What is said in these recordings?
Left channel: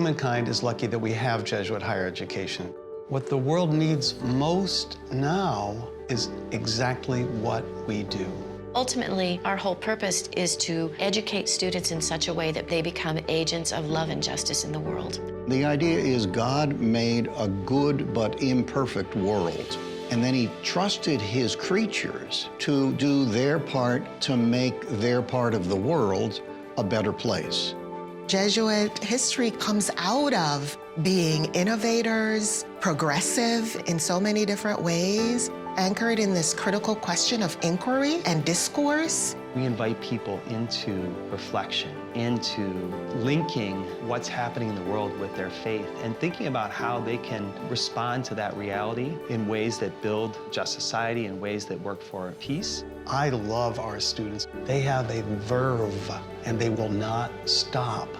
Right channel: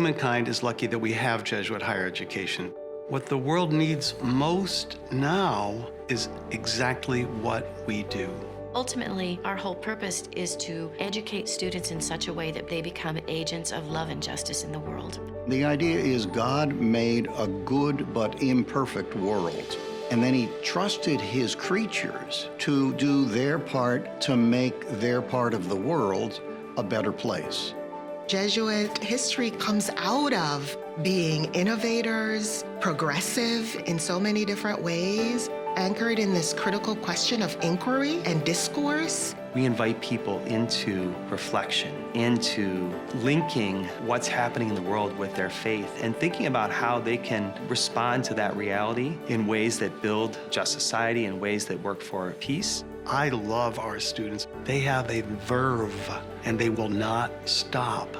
Humankind is lucky that we have Jesuit higher education. What the world needs most now is exactly what we do. Ultimately, our whole purpose is to educate students in such a way that they become agents of love and justice in the world. The idea is God made a good but imperfect world, and then he trusted his creatures to do their part to make their part of the world a better place. Jesuit history comes out of being innovators, progressive in so many different ways, anchored in this critical question of inquiry and discourse. We invite people into reflection, into linking what's happening in the world with their faith and thinking about how they can respond to that reality in ways that build just society, in ways that work for peace. I love our students. They have a verve, and they will not stop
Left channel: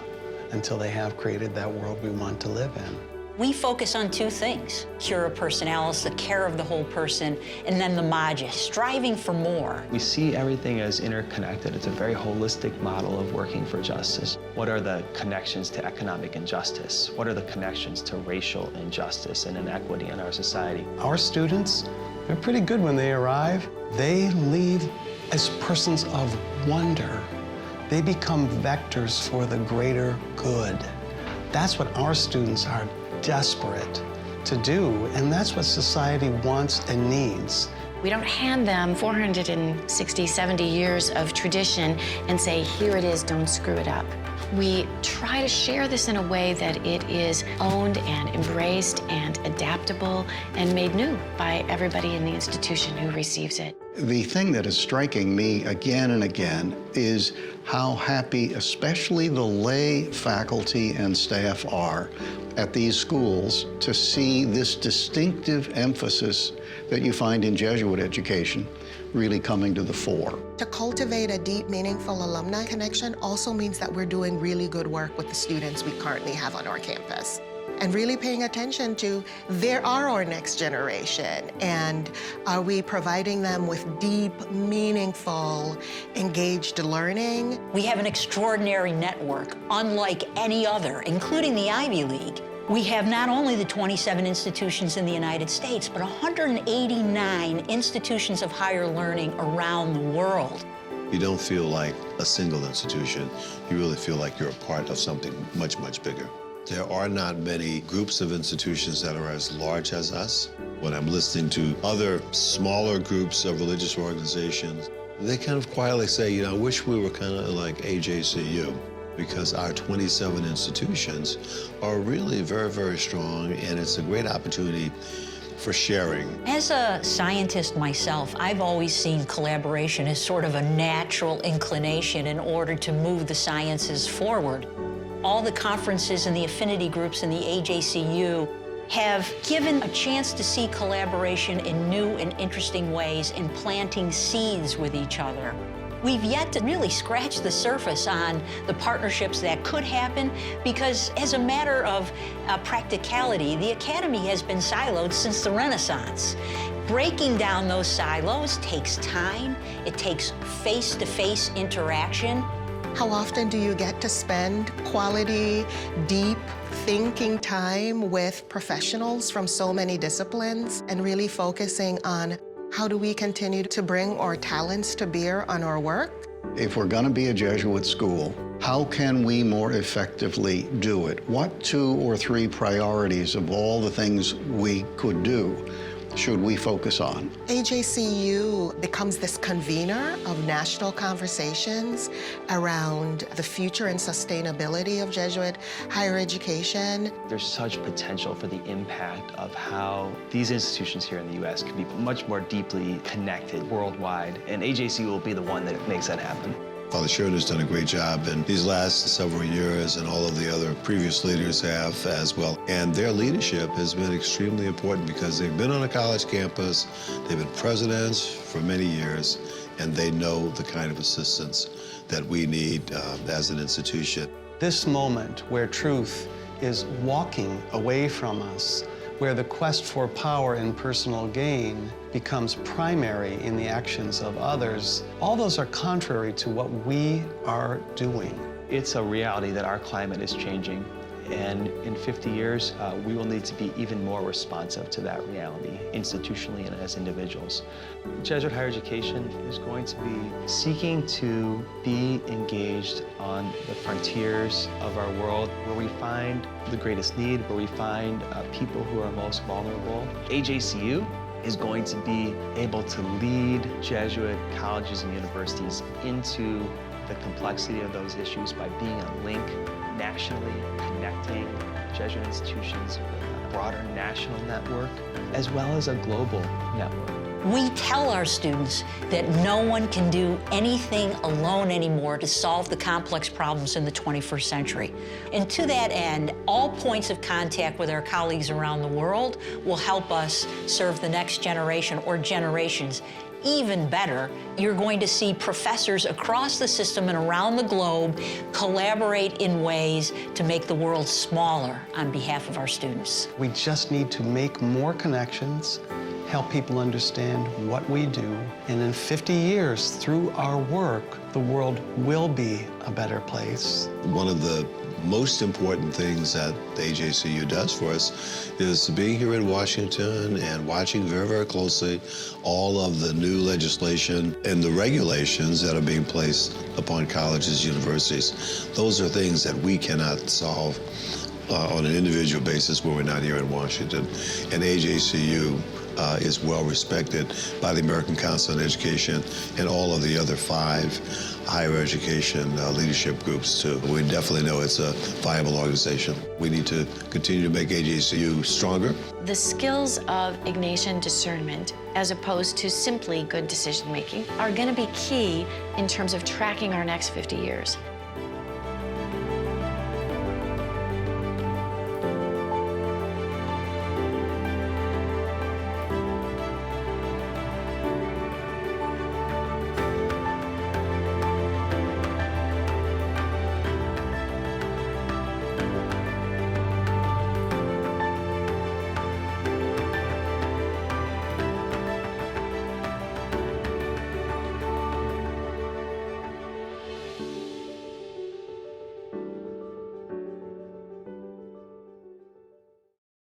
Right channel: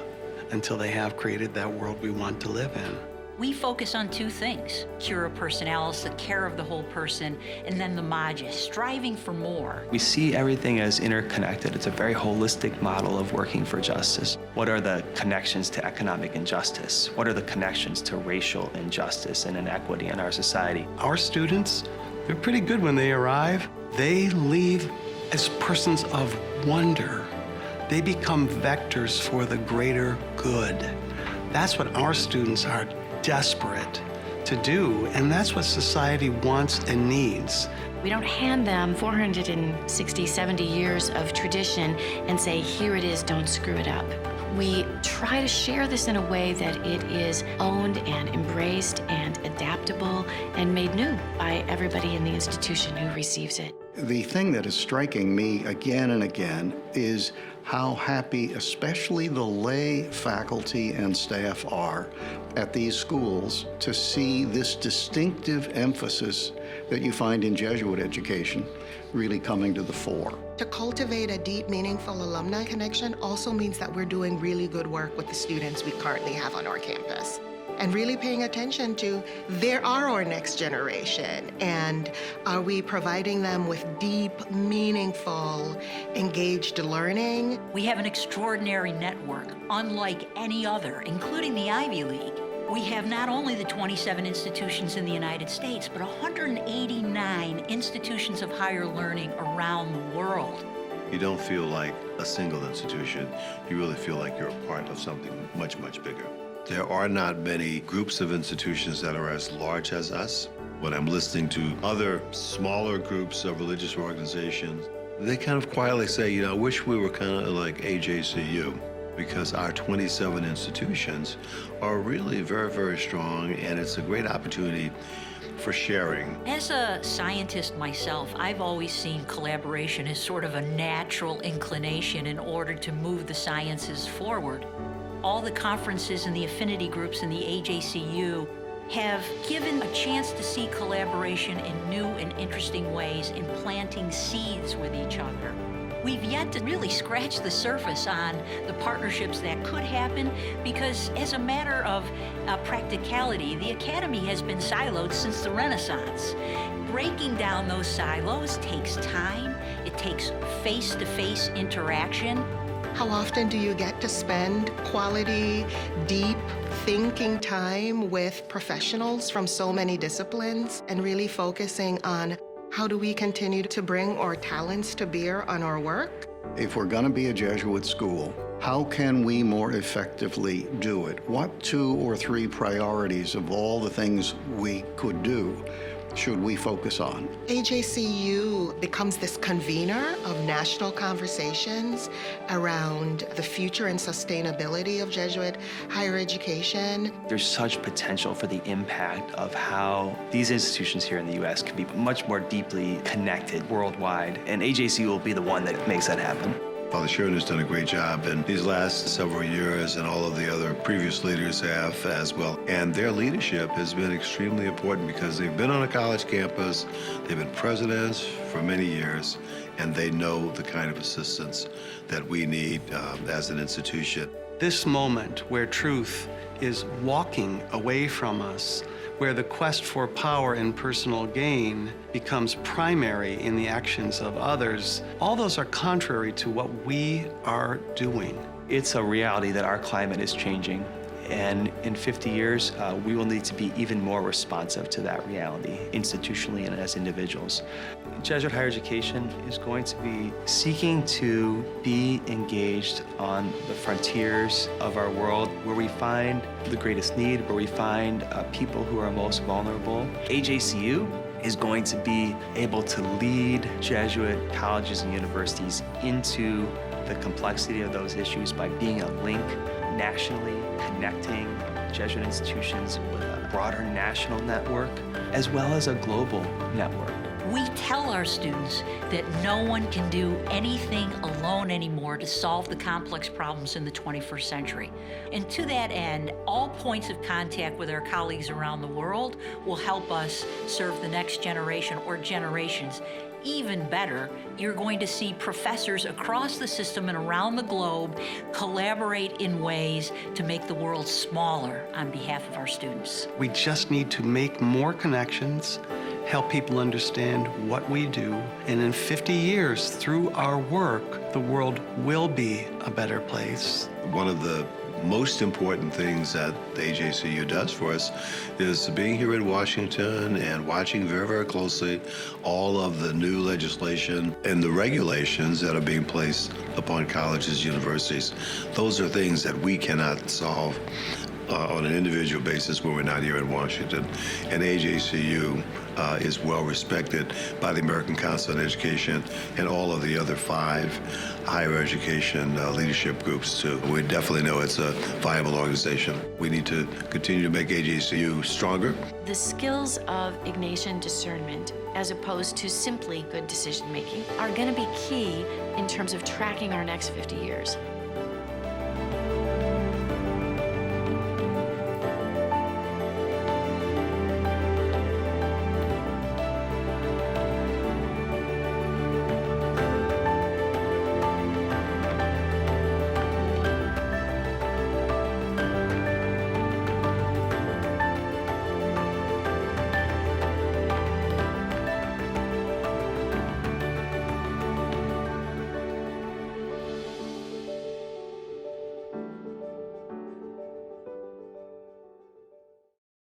until they have created that world we want to live in. We focus on two things: cura personalis, the care of the whole person, and then the magis, striving for more. We see everything as interconnected. It's a very holistic model of working for justice. What are the connections to economic injustice? What are the connections to racial injustice and inequity in our society? Our students, they're pretty good when they arrive. They leave as persons of wonder. They become vectors for the greater good. That's what our students are desperate to do, and that's what society wants and needs. We don't hand them 460, 70 years of tradition and say, here it is, don't screw it up. We try to share this in a way that it is owned and embraced and adaptable and made new by everybody in the institution who receives it. The thing that is striking me again and again is how happy, especially the lay faculty and staff are at these schools to see this distinctive emphasis that you find in Jesuit education really coming to the fore. To cultivate a deep, meaningful alumni connection also means that we're doing really good work with the students we currently have on our campus, and really paying attention to, there are our next generation, and are we providing them with deep, meaningful, engaged learning? We have an extraordinary network, unlike any other, including the Ivy League. We have not only the 27 institutions in the United States, but 189 institutions of higher learning around the world. You don't feel like a single institution. You really feel like you're a part of something much, much bigger. There are not many groups of institutions that are as large as us. When I'm listening to other smaller groups of religious organizations, they kind of quietly say, you know, I wish we were kind of like AJCU, because our 27 institutions are really very, very strong, and it's a great opportunity for sharing. As a scientist myself, I've always seen collaboration as sort of a natural inclination in order to move the sciences forward. All the conferences and the affinity groups in the AJCU have given a chance to see collaboration in new and interesting ways in planting seeds with each other. We've yet to really scratch the surface on the partnerships that could happen, because as a matter of practicality, the Academy has been siloed since the Renaissance. Breaking down those silos takes time. It takes face-to-face interaction. How often do you get to spend quality, deep thinking time with professionals from so many disciplines and really focusing on how do we continue to bring our talents to bear on our work? If we're going to be a Jesuit school, how can we more effectively do it? What 2 or 3 priorities of all the things we could do should we focus on? AJCU becomes this convener of national conversations around the future and sustainability of Jesuit higher education. There's such potential for the impact of how these institutions here in the U.S. can be much more deeply connected worldwide, and AJCU will be the one that makes that happen. Father Sherman has done a great job in these last several years, and all of the other previous leaders have as well. And their leadership has been extremely important because they've been on a college campus, they've been presidents for many years, and they know the kind of assistance that we need as an institution. This moment where truth is walking away from us, where the quest for power and personal gain becomes primary in the actions of others, all those are contrary to what we are doing. It's a reality that our climate is changing, And in 50 years, we will need to be even more responsive to that reality, institutionally and as individuals. Jesuit higher education is going to be seeking to be engaged on the frontiers of our world, where we find the greatest need, where we find people who are most vulnerable. AJCU is going to be able to lead Jesuit colleges and universities into the complexity of those issues by being a link nationally, connecting Jesuit institutions with a broader national network, as well as a global network. We tell our students that no one can do anything alone anymore to solve the complex problems in the 21st century. And to that end, all points of contact with our colleagues around the world will help us serve the next generation or generations. Even better, you're going to see professors across the system and around the globe collaborate in ways to make the world smaller on behalf of our students. We just need to make more connections, help people understand what we do, and in 50 years, through our work, the world will be a better place. One of the most important things that the AJCU does for us is being here in Washington and watching very, very closely all of the new legislation and the regulations that are being placed upon colleges, universities. Those are things that we cannot solve on an individual basis when we're not here in Washington. And AJCU is well respected by the American Council on Education and all of the other 5 higher education leadership groups too. We definitely know it's a viable organization. We need to continue to make AJCU stronger. The skills of Ignatian discernment, as opposed to simply good decision making, are going to be key in terms of tracking our next 50 years.